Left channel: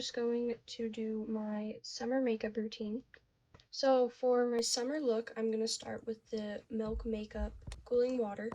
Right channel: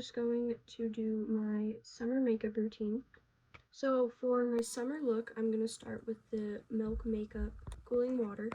just going to do my summer makeup routine. So for my summer look, I'm going to start with the Milk Makeup Cooling Water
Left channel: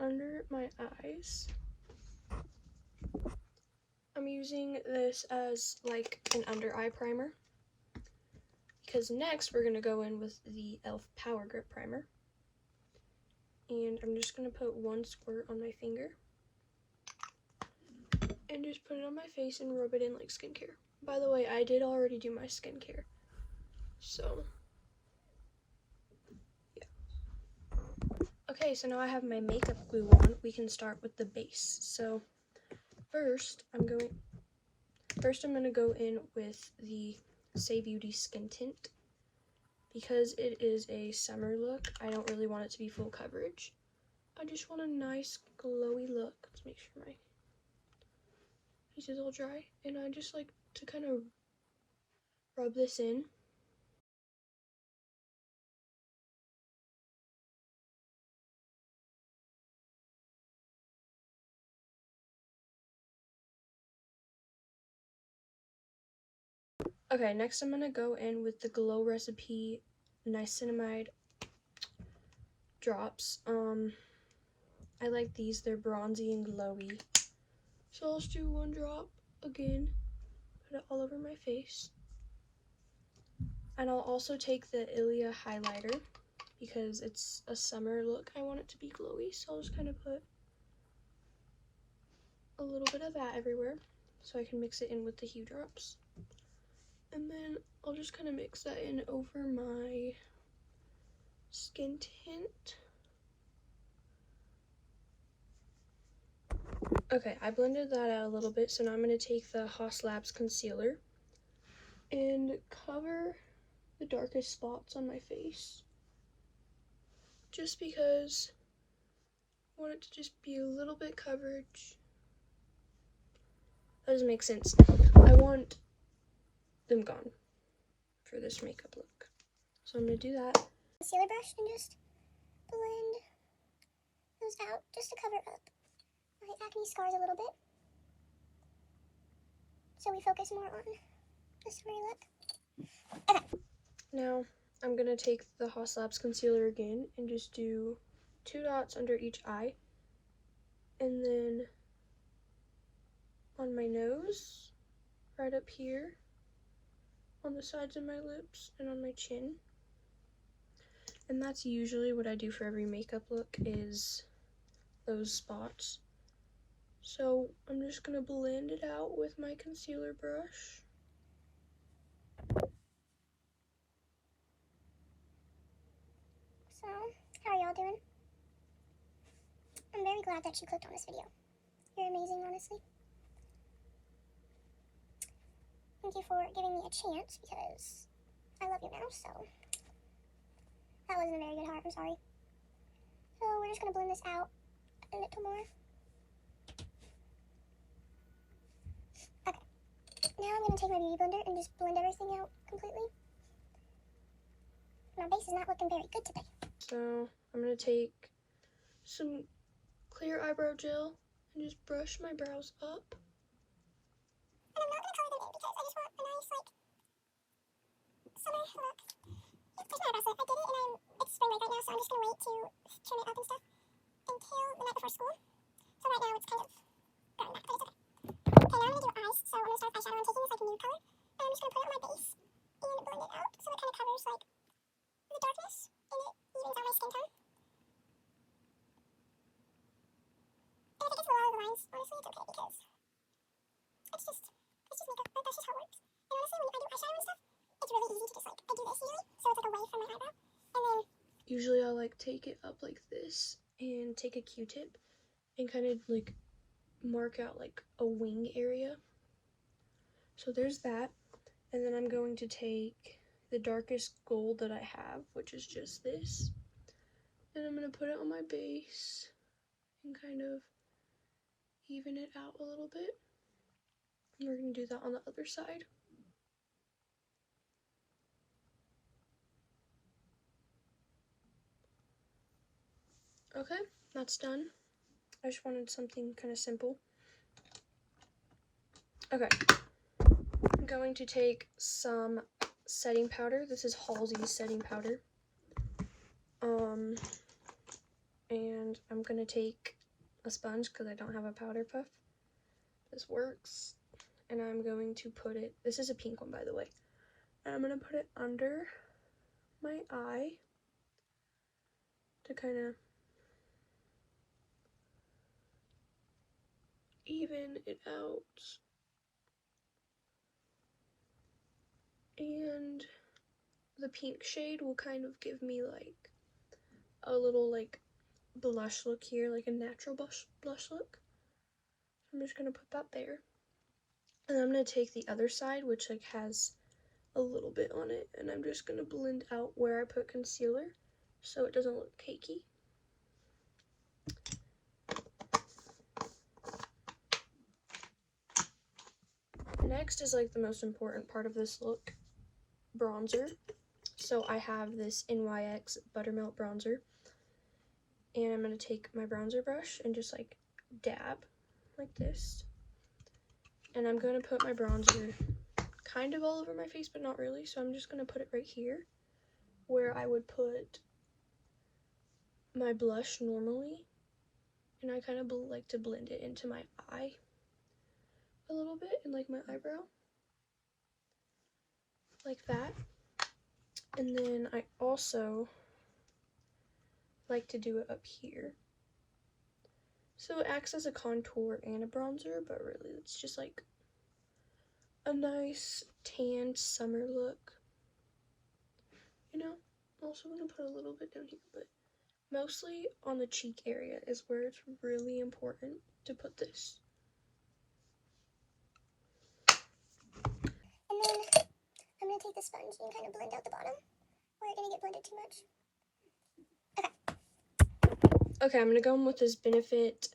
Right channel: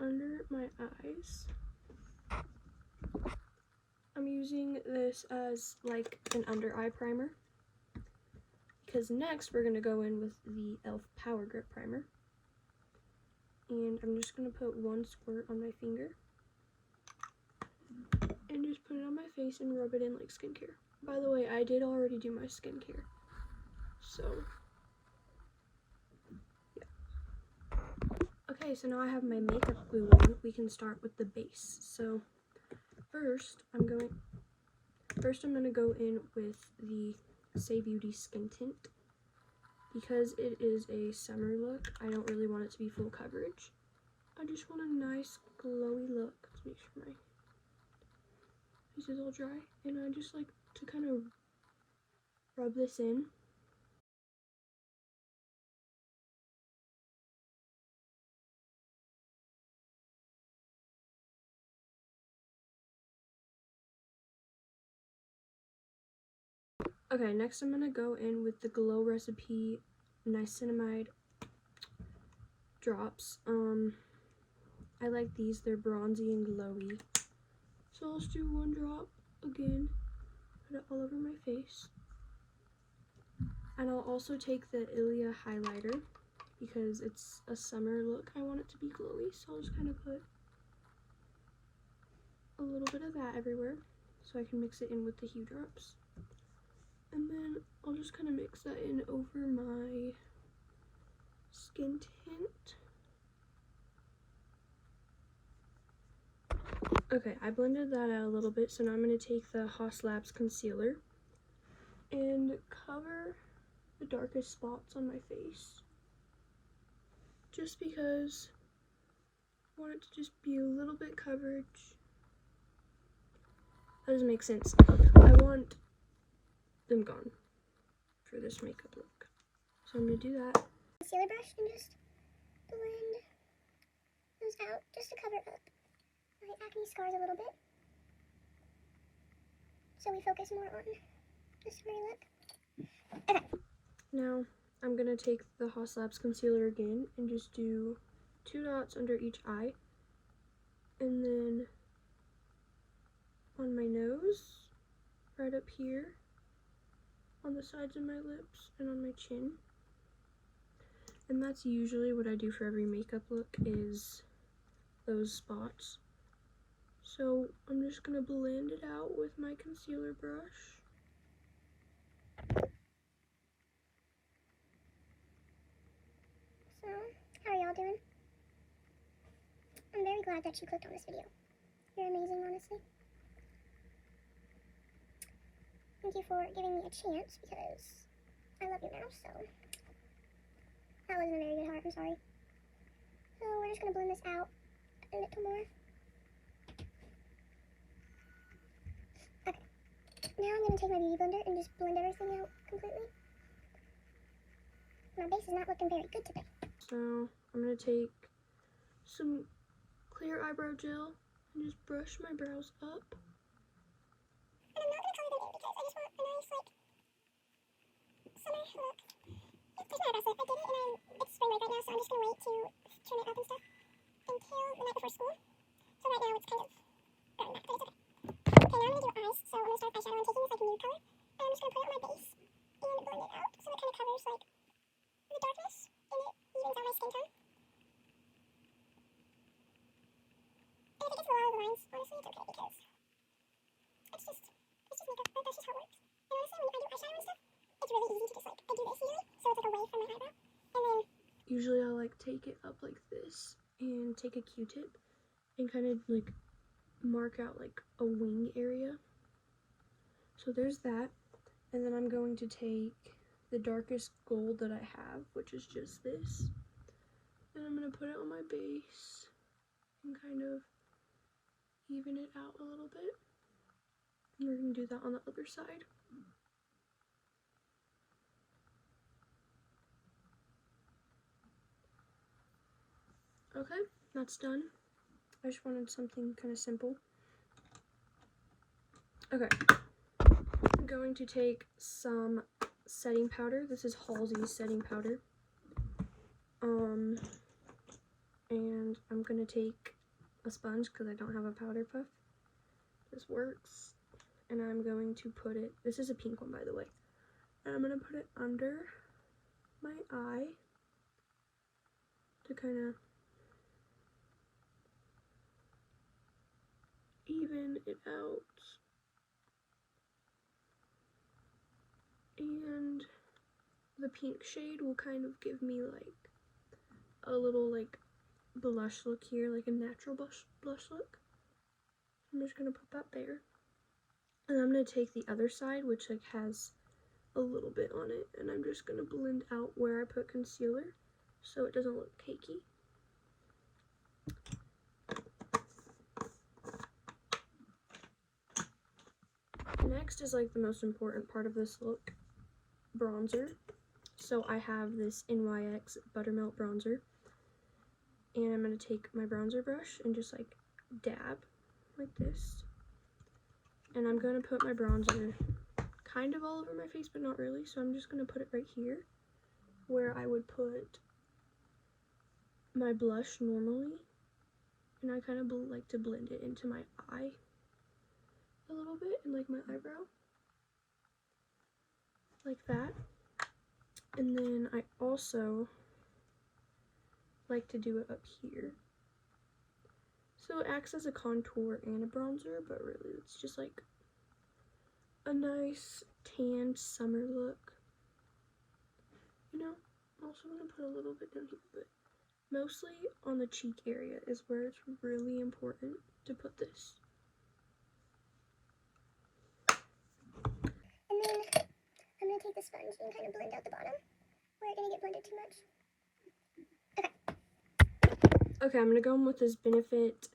under my eyes. I'm using this as like an under eye primer because next we're going to go in with the e.l.f. Power Grip Primer. And I'm just going to put one squirt on my finger and just put it on my face and rub it in like skincare. By the way, I did already do my skincare, so yeah. Okay, so now I have my makeup glue on. We can start with the base. So first I'm gonna go in with the Saie Beauty Skin Tint. Because it is a summer look, I don't really want it to be full coverage. I just want a nice glowy look. Let's make sure my face is all dry. And I just like to kind of rub this in. Okay, next I'm gonna go in with the Glow Recipe Niacinamide drops. I like these, they're bronzy and glowy. So I'll just do one drop again, put it all over my face. And I'll also take the Ilia highlighter because it's a summer look. I want it to be glowy, so I'll just kind of put a little bit of that everywhere so I can mix it in with the Hue drops. And then I'll just kind of mix that in over my skin tint. Okay, I blended that out a little bit, so now I'm going to take the Haus Labs concealer and cover the darkest spots on my face. Just because I want it to just be a little bit coverage. That doesn't make sense. I want them gone for this makeup look. So I'm going to do that. Concealer brush and just blend those out just to cover up my acne scars a little bit. So we focus more on the summery look. Okay. Now I'm going to take the Haus Labs concealer again and just do 2 dots under each eye. And then on my nose, right up here, on the sides of my lips, and on my chin. And that's usually what I do for every makeup look, is those spots. So I'm just going to blend it out with my concealer brush. So, how are y'all doing? I'm very glad that you clicked on this video. You're amazing, honestly. Thank you for giving me a chance because I love you now, so that wasn't a very good heart, I'm sorry. So we're just going to blend this out a little more. Okay. Now I'm going to take my beauty blender and just blend everything out completely. My base is not looking very good today. So I'm going to take some clear eyebrow gel and just brush my brows up. And I'm not going to color them in because I just want a nice, like, summer look. There's my eyebrows lip. I did it and it's spring break right now, so I'm just going to wait to trim it up and stuff until the night before school. So right now it's kind of going back, but it's okay. Okay, now I'm going to do eyes. So I'm going to start with eyeshadow. I'm taking this, like, nude color, and I'm just going to put it on my base and blend it out so it kind of covers, like, the darkness and it evens out my skin tone. And if it gets a lot of the lines, honestly, it's okay because it's just makeup. Like, that's just how it works. And honestly, when I do eyeshadow and stuff, it's really easy to just, like, I do this usually, so it's, like, away from my eyebrow. And then usually I like take it up like this and take a Q-tip and kind of like mark out like a wing area. So there's that. And then I'm going to take the darkest gold that I have, which is just this. And I'm going to put it on my base and kind of even it out a little bit. And we're going to do that on the other side. Okay, that's done. I just wanted something kind of simple. Okay, I'm going to take some setting powder. This is Halsey's setting powder. And I'm gonna take a sponge because I don't have a powder puff. This works. And I'm going to put it, this is a pink one by the way. And I'm gonna put it under my eye to kind of even it out. And the pink shade will kind of give me like a little like blush look here, like a natural blush look. I'm just gonna put that there. And I'm gonna take the other side, which like has a little bit on it, and I'm just gonna blend out where I put concealer so it doesn't look cakey. Next is like the most important part of this look, bronzer. So I have this NYX Buttermelt bronzer, and I'm gonna take my bronzer brush and just like dab like this, and I'm gonna put my bronzer kind of all over my face, but not really. So I'm just gonna put it right here where I would put my blush normally, and I kind of like to blend it into my eye a little bit and like my eyebrow like that. And then I also like to do it up here, so it acts as a contour and a bronzer, but really it's just like a nice tanned summer look, you know. Also I'm gonna put a little bit down here, but mostly on the cheek area is where it's really important to put this. And then I'm going to take the sponge and kind of blend out the bottom where it didn't get blended too much. Okay, I'm gonna go in with this Benefit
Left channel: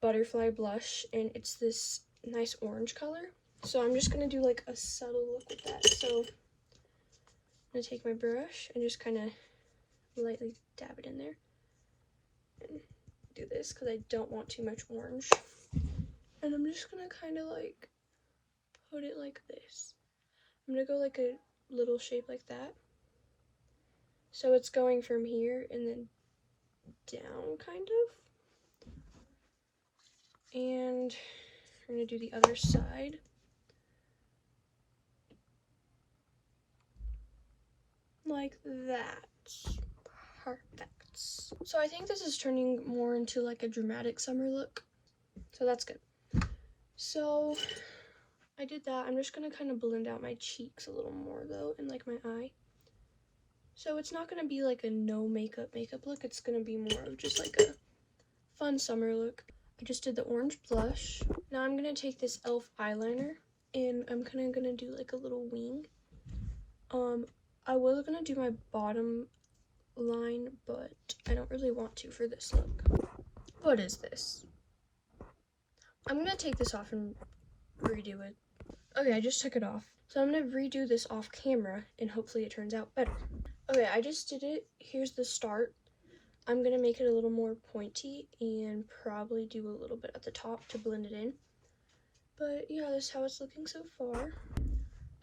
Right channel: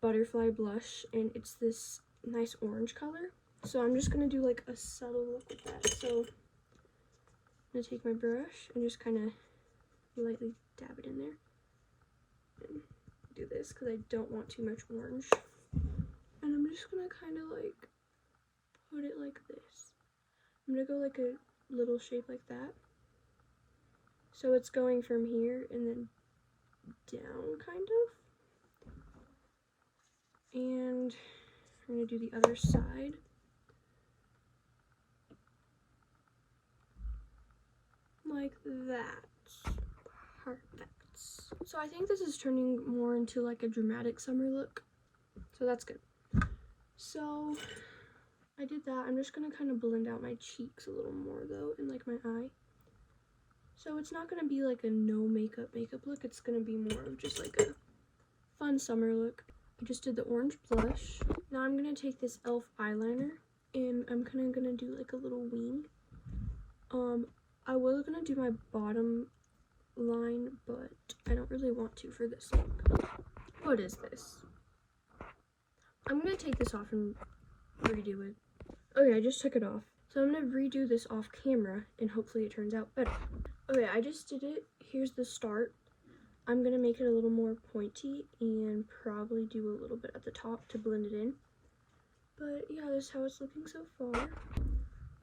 Butterfly blush, and it's this nice orange color. So I'm just gonna do like a subtle look with that. So I'm gonna take my brush and just kind of lightly dab it in there. And do this because I don't want too much orange. And I'm just gonna kind of like put it like this. I'm gonna go like a little shape like that. So it's going from here and then down kind of. And I'm gonna do the other side. Like that. Perfect. So I think this is turning more into like a dramatic summer look. So that's good. So I did that. I'm just gonna kind of blend out my cheeks a little more though, and like my eye. So it's not gonna be like a no makeup look. It's gonna be more of just like a fun summer look. I just did the orange blush. Now I'm gonna take this e.l.f. eyeliner, and I'm kind of gonna do like a little wing. I was gonna do my bottom line, but I don't really want to for this look. What is this? I'm gonna take this off and redo it. Okay, I just took it off. So I'm gonna redo this off camera and hopefully it turns out better. Okay, I just did it. Here's the start. I'm gonna make it a little more pointy and probably do a little bit at the top to blend it in. But yeah, this is how it's looking so far.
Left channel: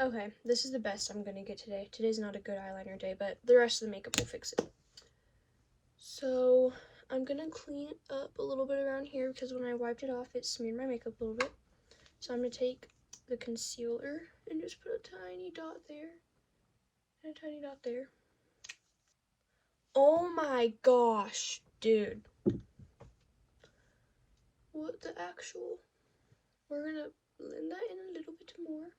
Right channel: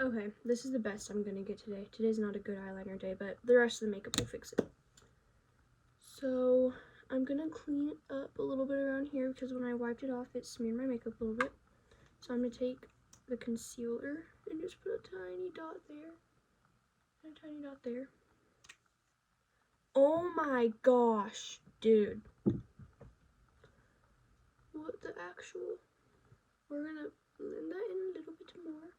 Okay, this is the best I'm gonna get today. Today's not a good eyeliner day, but the rest of the makeup will fix it. So I'm gonna clean up a little bit around here because when I wiped it off, it smeared my makeup a little bit. So I'm gonna take the concealer and just put a tiny dot there and a tiny dot there. Oh my gosh, dude. What the actual? We're gonna blend that in a little bit more.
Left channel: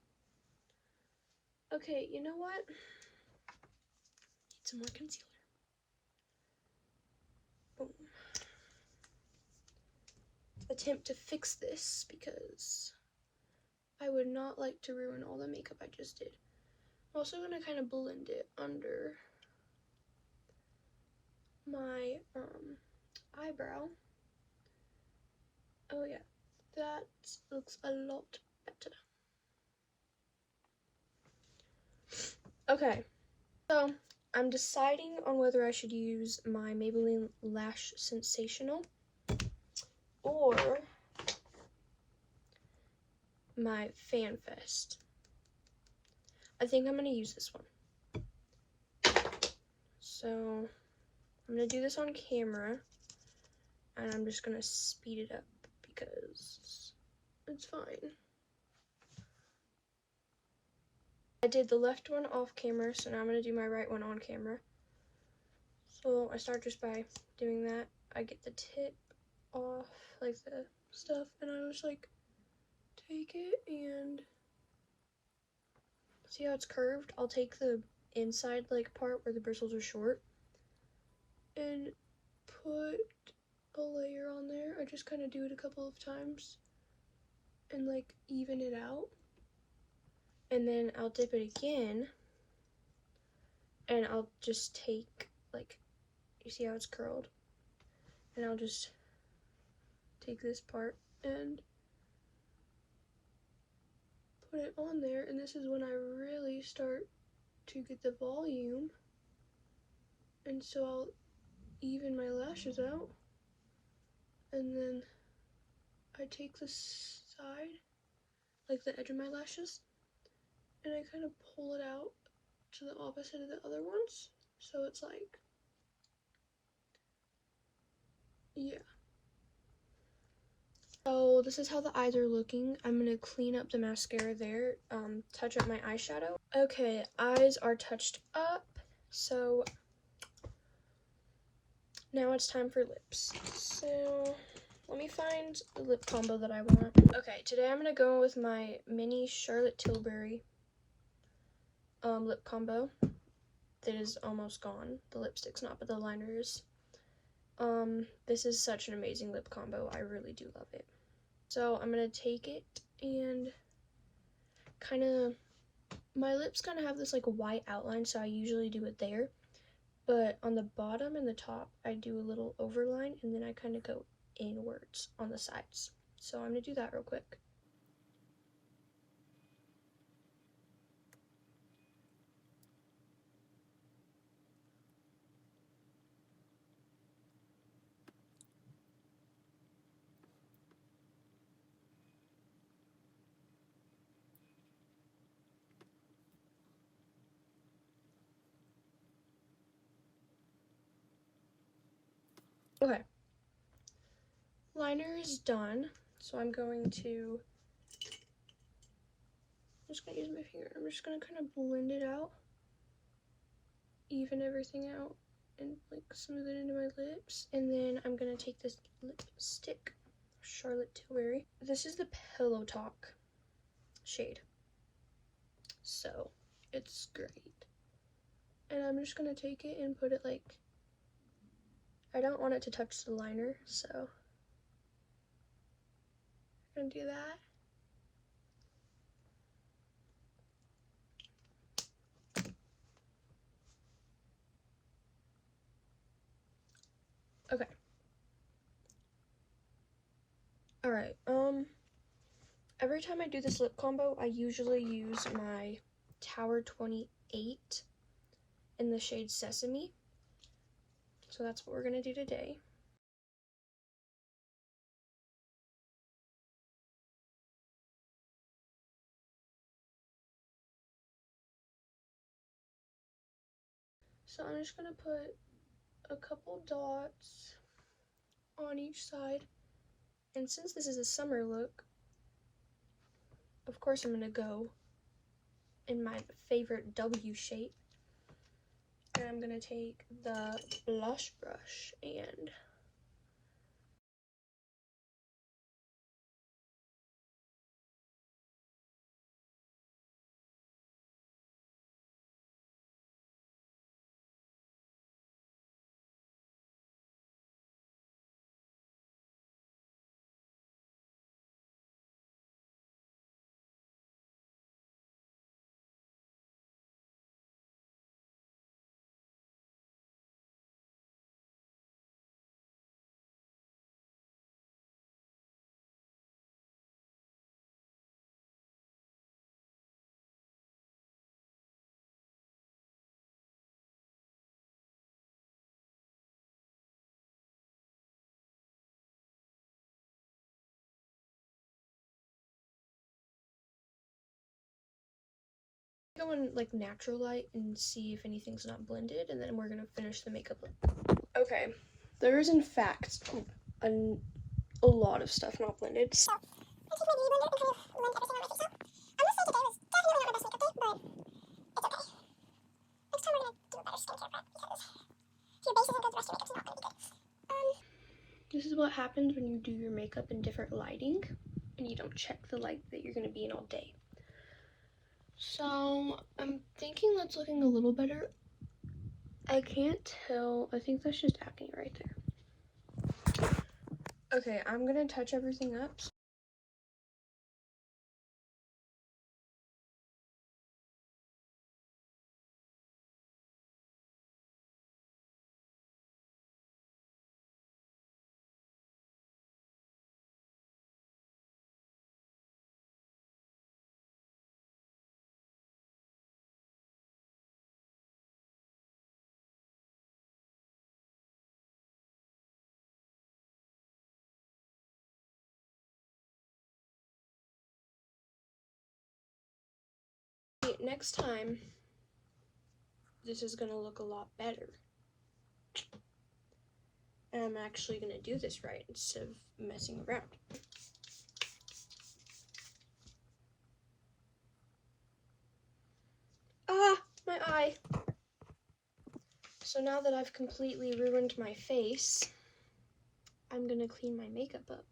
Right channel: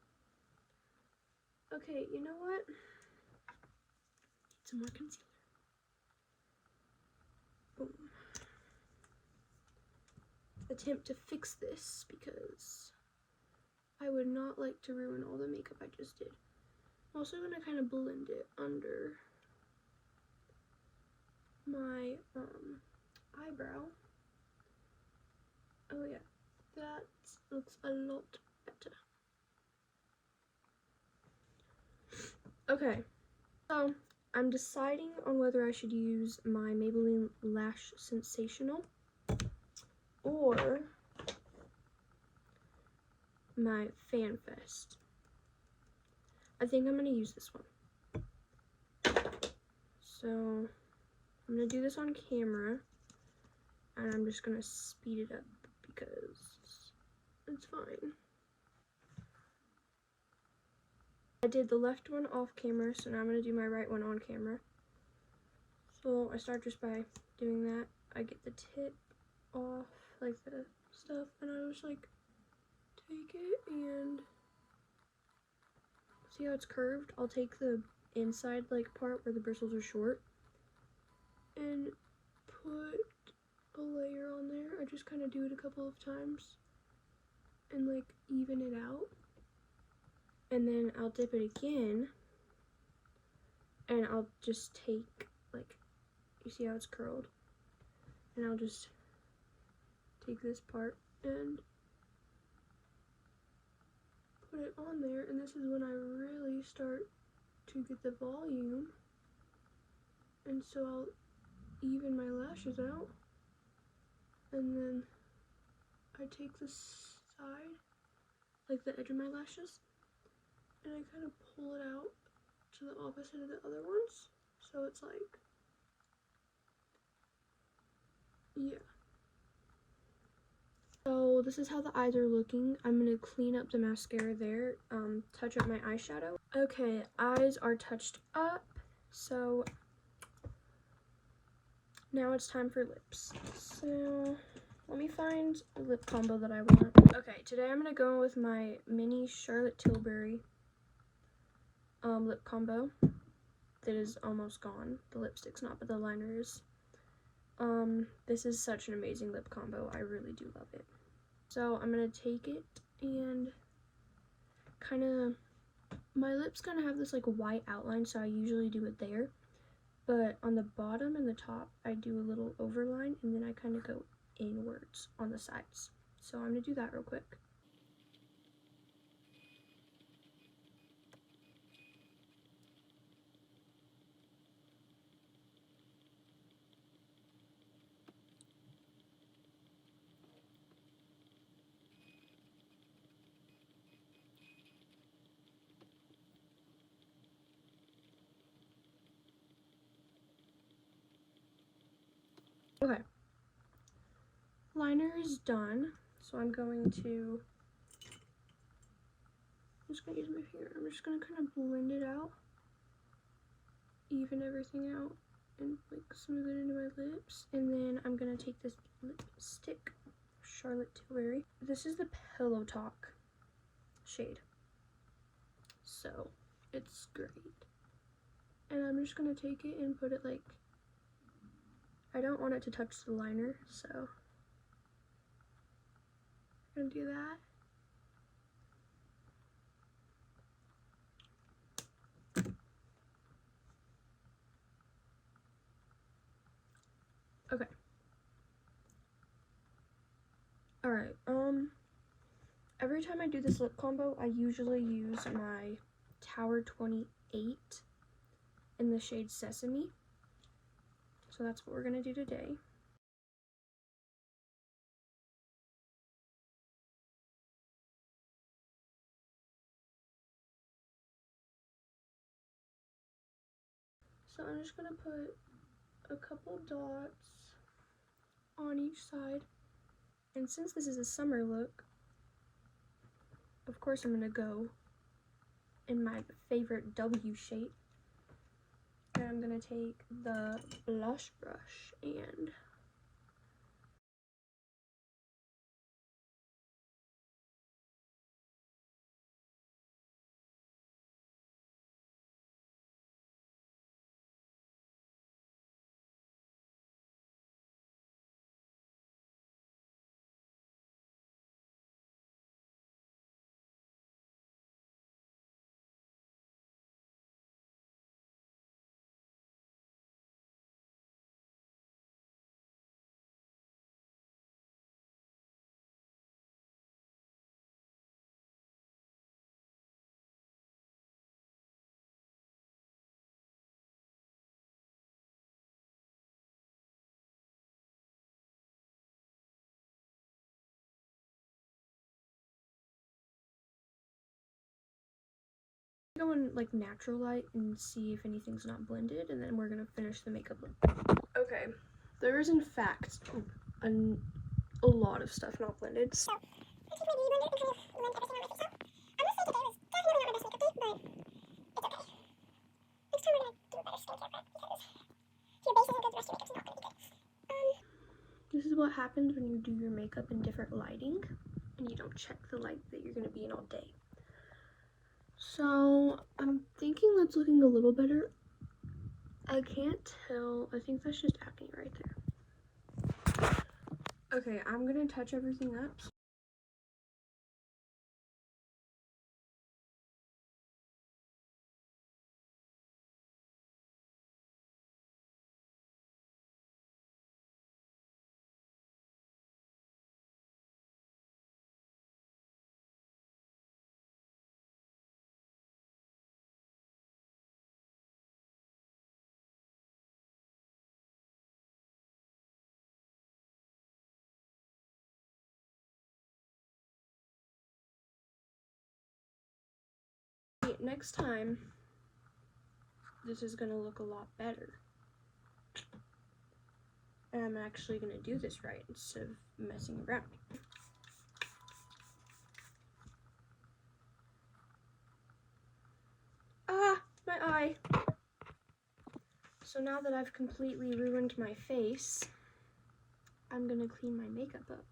Okay, you know what? Need some more concealer. Boom. Attempt to fix this because I would not like to ruin all the makeup I just did. I'm also gonna kind of blend it under my eyebrow. Oh yeah, that looks a lot better. Okay, so I'm deciding on whether I should use my Maybelline Lash Sensational or my Fan Fest. I think I'm gonna use this one. So I'm gonna do this on camera, and I'm just gonna speed it up because it's fine. I did the left one off camera, so now I'm gonna do my right one on camera. So I start just by doing that. I get the tip off, like the stuff, and I just like take it and see how it's curved. I'll take the inside like part where the bristles are short and put a layer on there. I just kind of do it a couple of times and like even it out, and then I'll dip it again and I'll just take, like, you see how it's curled, and I'll just take this part and put it on there, and this is when I really start to get the volume, and so I'll even my lashes out, and then I take the side, like the edge of my lashes, and I kind of pull it out to the opposite of the other ones, so it's like, yeah. So this is how the eyes are looking. I'm gonna clean up the mascara there, touch up my eyeshadow. Okay, eyes are touched up, so now it's time for lips. So let me find the lip combo that I want. Okay, today I'm gonna go with my mini Charlotte Tilbury lip combo. That is almost gone. The lipstick's not, but the liner is. This is such an amazing lip combo. I really do love it. So I'm gonna take it and kind of, my lips kind of have this like white outline, so I usually do it there. But on the bottom and the top, I do a little overline, and then I kind of go inwards on the sides. So I'm gonna do that real quick. Okay. Liner is done, so I'm just gonna use my finger. I'm just gonna kind of blend it out, even everything out, and like smooth it into my lips. And then I'm gonna take this lipstick, Charlotte Tilbury. This is the Pillow Talk shade, so it's great. And I'm just gonna take it and put it like, I don't want it to touch the liner, so I'm gonna do that. Okay. Alright, every time I do this lip combo, I usually use my Tower 28 in the shade Sesame. So that's what we're gonna do today. So I'm just gonna put a couple dots on each side. And since this is a summer look, of course I'm gonna go in my favorite W shape. And I'm gonna take the blush brush and on like natural light and see if anything's not blended, and then we're gonna finish the makeup look. Okay, there is in fact a lot of stuff not blended. So, I take my beauty blender and kind of blend everything on my face out. I must say today was definitely not my best makeup day, but it's okay. Next time we're gonna do a better skincare prep because if your base isn't good, the rest of your makeup's not gonna be good. This is what happens when you do your makeup in different lighting and you don't check the light that you're gonna be in all day. So I'm thinking that's looking a little better. I can't tell. I think that's just acne right there. Okay, I'm gonna touch everything up. Next time, this is gonna look a lot better. And I'm actually gonna do this right instead of messing around. Ah, my eye. So now that I've completely ruined my face, I'm gonna clean my makeup up.